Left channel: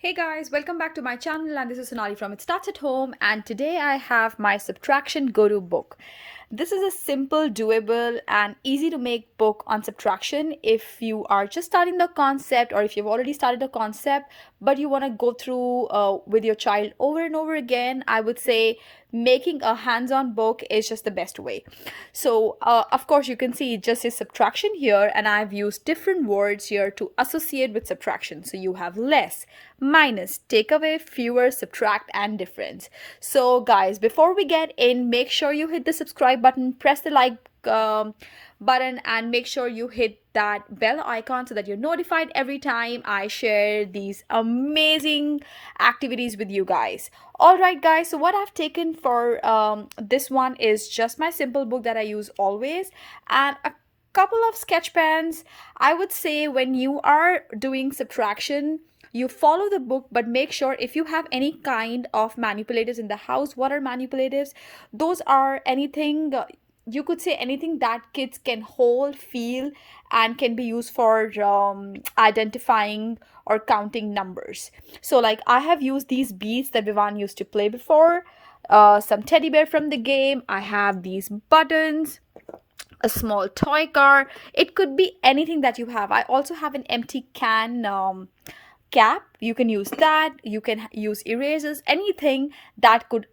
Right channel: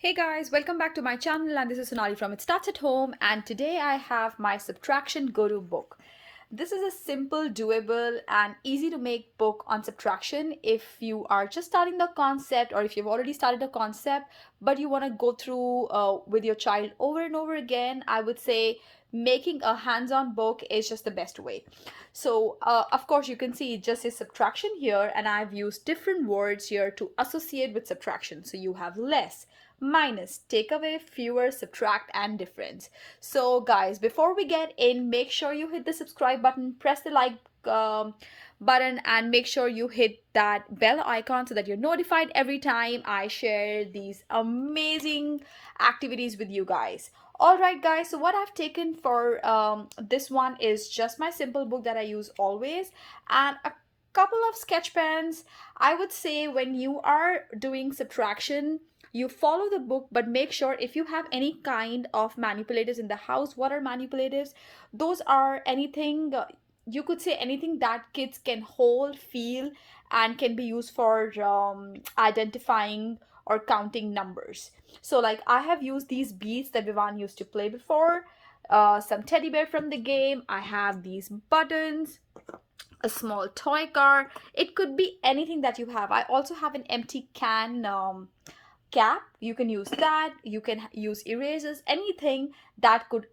Hey guys, welcome back to my channel, and this is Sonali from It Starts at Home, and today I have my subtraction go-to book. This is a simple, doable and easy to make book on subtraction if you are just starting the concept, or if you've already started a concept but you want to go through with your child over and over again. I would say making a hands-on book is just the best way. So of course you can see it just says subtraction here, and I've used different words here to associate with subtraction. So you have less, minus, take away, fewer, subtract and difference. So guys, before we get in, make sure you hit the subscribe button, press the like button, and make sure you hit that bell icon so that you're notified every time I share these amazing activities with you guys. All right guys, so what I've taken for this one is just my simple book that I use always, and a couple of sketch pens. I would say when you are doing subtraction, you follow the book, but make sure if you have any kind of manipulatives in the house. What are manipulatives? Those are anything, you could say anything that kids can hold, feel, and can be used for identifying or counting numbers. So like I have used these beads that Vivan used to play before, some teddy bear from the game. I have these buttons, a small toy car. It could be anything that you have. I also have an empty can cap. You can use that. You can use erasers, anything that could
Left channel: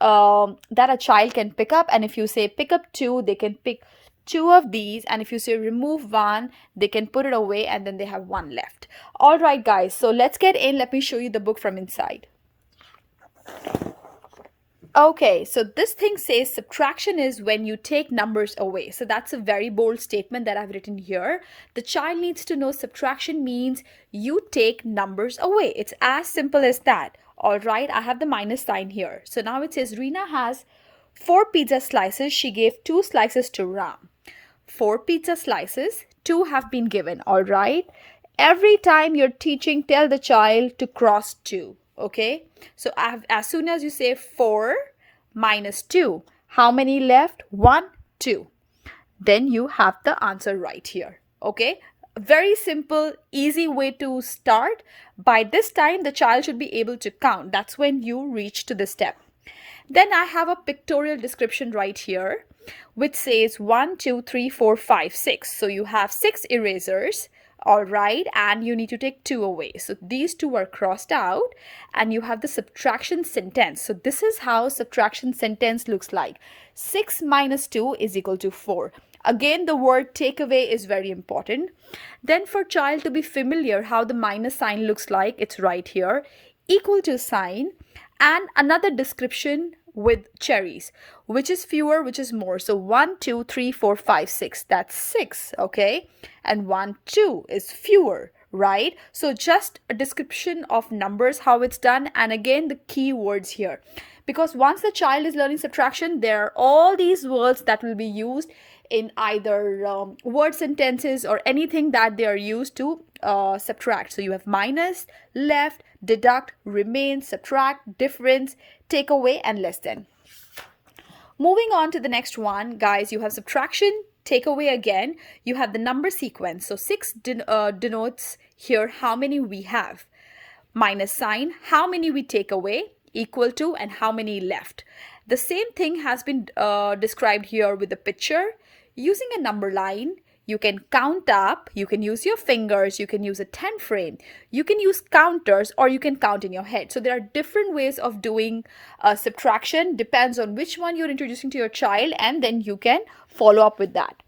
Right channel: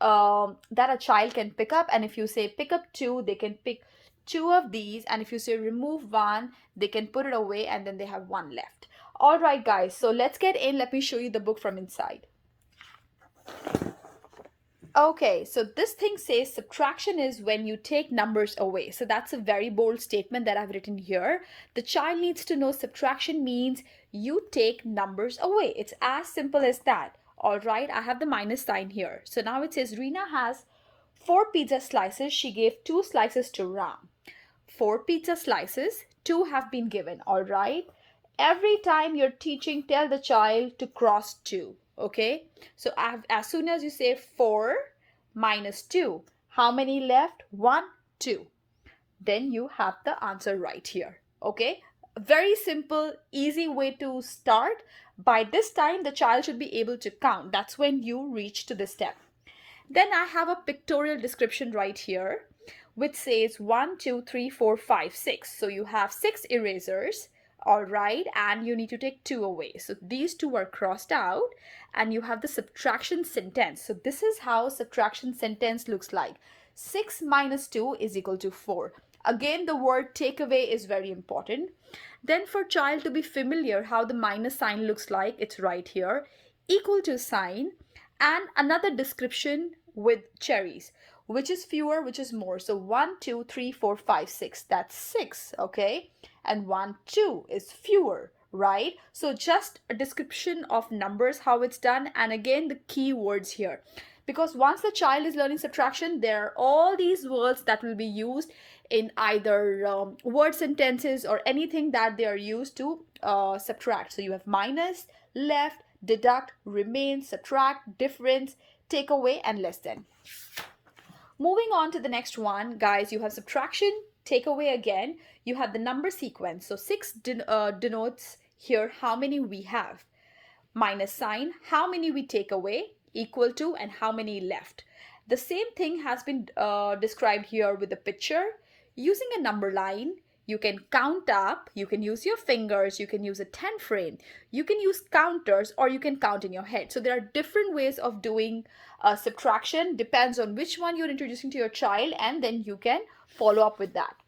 that a child can pick up. And if you say pick up two, they can pick two of these, and if you say remove one, they can put it away, and then they have one left. All right guys, so let's get in. Let me show you the book from inside. Okay, so this thing says subtraction is when you take numbers away. So that's a very bold statement that I've written here. The child needs to know subtraction means you take numbers away. It's as simple as that. All right, I have the minus sign here. So now it says Rina has 4 pizza slices. She gave 2 slices to Ram. 4 pizza slices, 2 have been given. All right. Every time you're teaching, tell the child to cross 2. Okay, so as soon as you say 4 minus 2, how many left? 1, 2. Then you have the answer right here. Okay, very simple, easy way to start. By this time, the child should be able to count. That's when you reach to this step. Then I have a pictorial description right here, which says 1, 2, 3, 4, 5, 6. So you have 6 erasers. All right, and you need to take 2 away. So these 2 are crossed out, and you have the subtraction sentence. So this is how subtraction sentence looks like. 6 minus 2 is equal to 4. Again, the word take away is very important. Then for child to be familiar how the minus sign looks like, it's right here. Equal to sign, and another description with cherries. Which is fewer, which is more? So 1, 2, 3, 4, 5, 6. That's 6, okay? And 1, 2 is fewer, right? So just a description of numbers, how it's done, and again the key words here. Because once the child is learning subtraction, there are all these words that will be used in either word sentences or anything that they are used to subtract. So you have minus, left, deduct, remain, subtract, difference, take away, and less than. Moving on to the next one, guys, you have subtraction, take away again. You have the number sequence. So 6 denotes here how many we have. Minus sign, how many we take away, equal to, and how many left. The same thing has been described here with the picture. Using a number line, you can count up, you can use your fingers, you can use a 10 frame, you can use counters, or you can count in your head. So there are different ways of doing subtraction, depends on which one you're introducing to your child, and then you can follow up with that.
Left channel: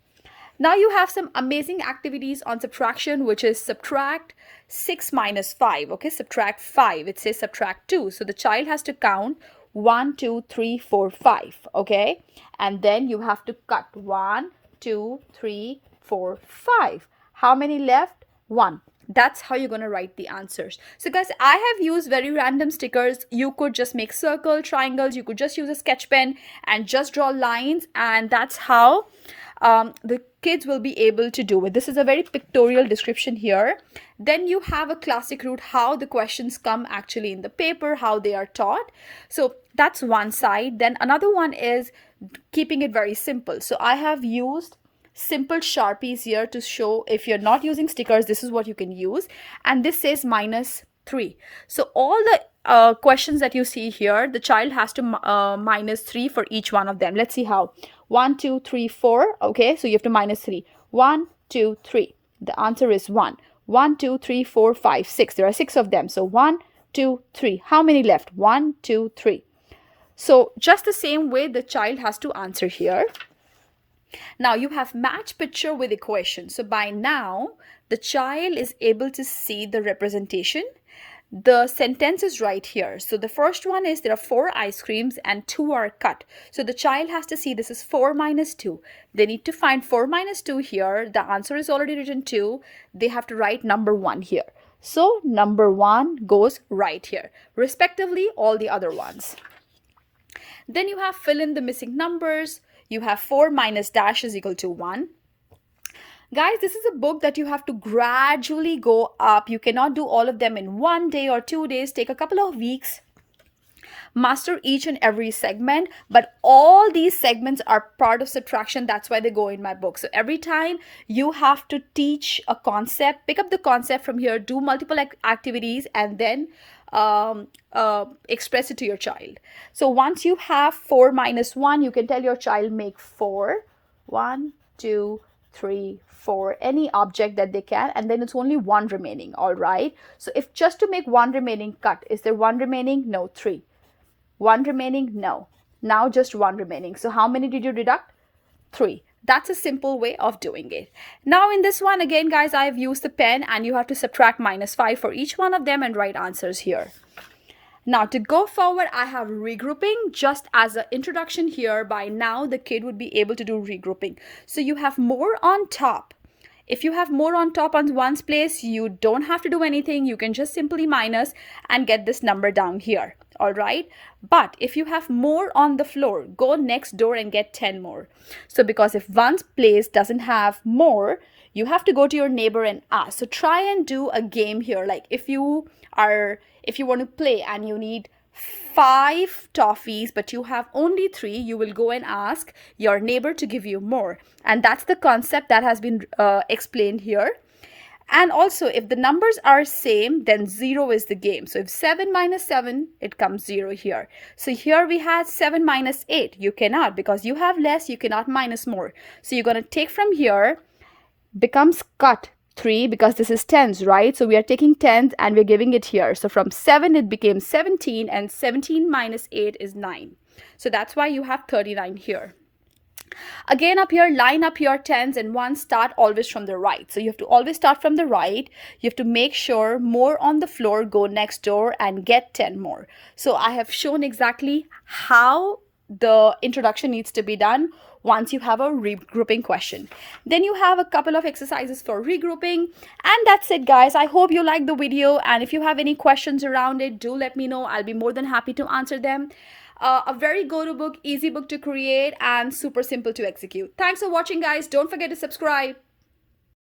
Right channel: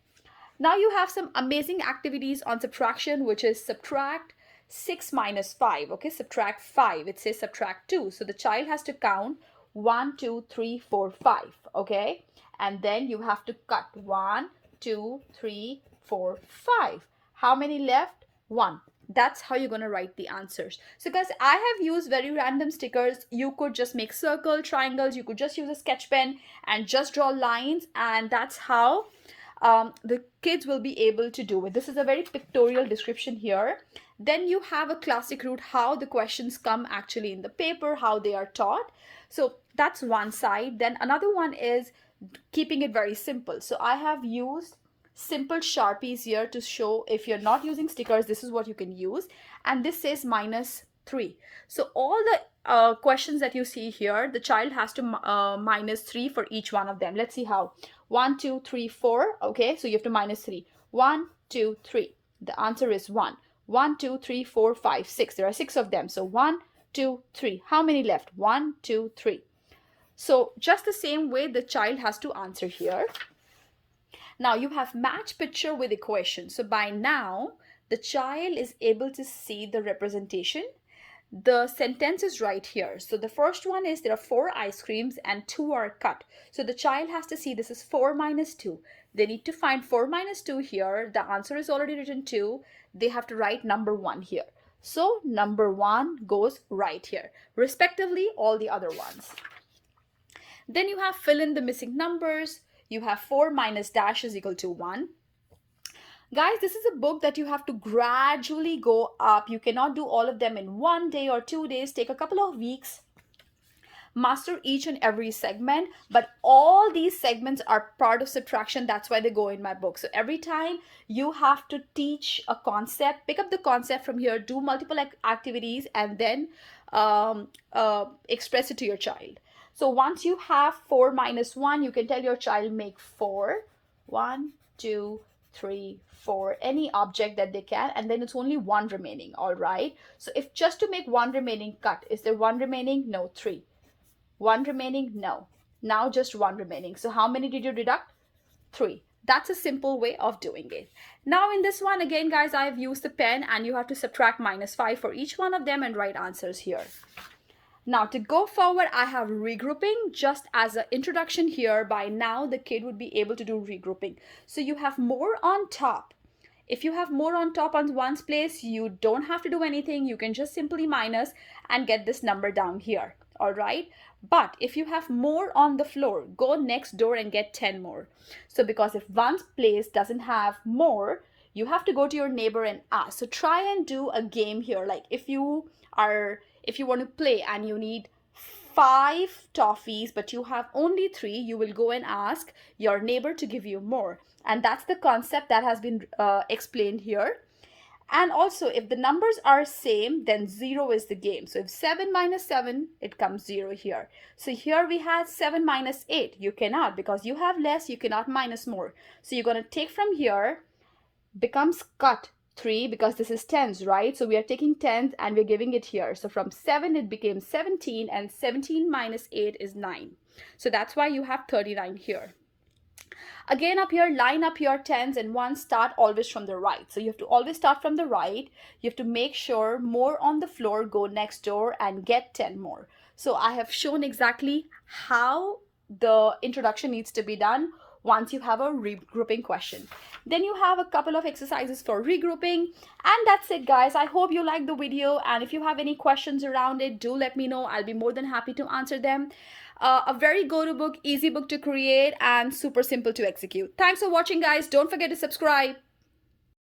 Now you have some amazing activities on subtraction, which is subtract 6 minus 5. Okay, subtract 5. It says subtract 2. So the child has to count 1, 2, 3, 4, 5. Okay, and then you have to cut 1, 2, 3, 4, 5. How many left? 1. That's how you're going to write the answers. So guys, I have used very random stickers. You could just make circle, triangles. You could just use a sketch pen and just draw lines, and that's how the kids will be able to do it. This is a very pictorial description here. Then you have a classic route, how the questions come actually in the paper, how they are taught. So that's one side. Then another one is keeping it very simple. So I have used simple Sharpies here to show if you're not using stickers, this is what you can use. And this says minus 3. So all the questions that you see here, the child has to minus 3 for each one of them. Let's see how. 1, 2, 3, 4. Okay, so you have to minus 3. 1, 2, 3. The answer is 1. 1, 2, 3, 4, 5, 6. There are 6 of them. So 1, 2, 3. How many left? 1, 2, 3. So just the same way the child has to answer here. Now you have match picture with equation. So by now, the child is able to see the representation. The sentence is right here. So the first one is there are 4 ice creams and 2 are cut. So the child has to see this is 4 minus 2. They need to find 4 minus 2 here. The answer is already written 2. They have to write number 1 here. So number 1 goes right here. Respectively, all the other ones. Then you have fill in the missing numbers. You have 4 minus dash is equal to 1. Guys, this is a book that you have to gradually go up. You cannot do all of them in 1 day or 2 days. Take a couple of weeks. Master each and every segment, but all these segments are part of subtraction. That's why they go in my book. So every time you have to teach a concept, pick up the concept from here, do multiple activities, and then express it to your child. So once you have 4 minus 1, you can tell your child make 4. 1, 2, 3, 4, any object that they can, and then it's only 1 remaining. All right. So if just to make 1 remaining cut, is there 1 remaining? No. 3. 1 remaining? No. Now just 1 remaining. So how many did you deduct? 3. That's a simple way of doing it. Now in this one, again, guys, I've used the pen and you have to subtract minus 5 for each one of them and write answers here. Now to go forward, I have regrouping just as an introduction here. By now, the kid would be able to do regrouping. So you have more on top. If you have more on top on one's place, you don't have to do anything. You can just simply minus and get this number down here. All right. But if you have more on the floor, go next door and get 10 more. So because if one's place doesn't have more, you have to go to your neighbor and ask. So try and do a game here. Like if you want to play and you need 5 toffees, but you have only 3, you will go and ask your neighbor to give you more. And that's the concept that has been explained here. And also, if the numbers are same, then 0 is the game. So if 7 minus 7, it comes 0 here. So here we had 7 minus 8. You cannot, because you have less, you cannot minus more. So you're going to take from here, becomes cut 3, because this is tens, right? So we are taking tens and we're giving it here. So from 7, it became 17, and 17 minus 8 is 9. So that's why you have 39 here. Again, up here, line up your tens and ones, start always from the right. So you have to always start from the right. You have to make sure more on the floor, go next door and get 10 more. So I have shown exactly how the introduction needs to be done once you have a regrouping question. Then you have a couple of exercises for regrouping. And that's it, guys. I hope you liked the video. And if you have any questions around it, do let me know. I'll be more than happy to answer them. A very go-to book, easy book to create, and super simple to execute. Thanks for watching, guys. Don't forget to subscribe.